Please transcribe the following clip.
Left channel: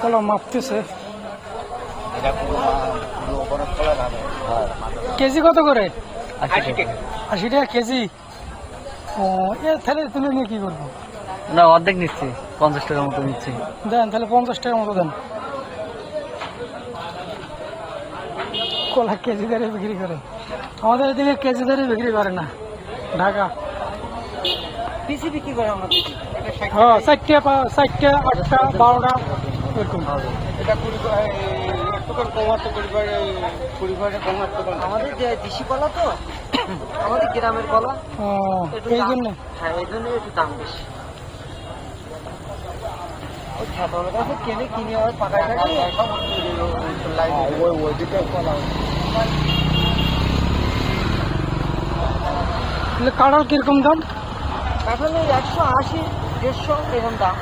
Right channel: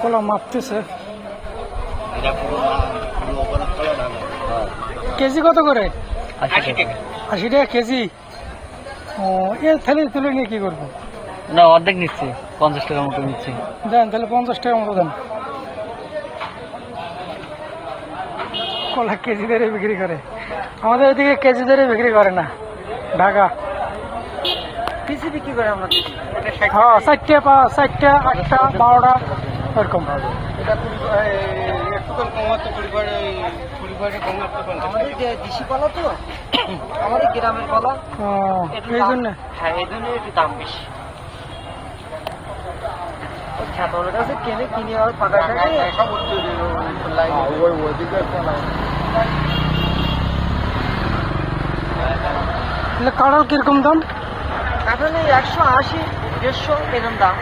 কলা মাপতেছে। কেজি কত করে? 80 টাকা কেজি। ও এই তাহলে তুলে নিয়ে কি করবো? না অর্ধেক নিচ্ছি, 50 টাকার মতো নিচ্ছি। দেন তাহলে 50 টাকা মতো দেন। কলা কেজি দরে বিক্রি করে, আমাদের এদিকে কেজি দরে বিক্রি করে না। ঢাকা হ্যাঁ 4টা 8টা 12টা এরকম। আমাদের দেশি কলা তো, আমাদের গ্রামের কলা, এই জন্য হ্যাঁ এই জন্য একটু দাম বেশি। কিনে কিনে আর ফাঁকা কাঁঠাল কিরকম দাম? এখন 180 150 এরকম দাম।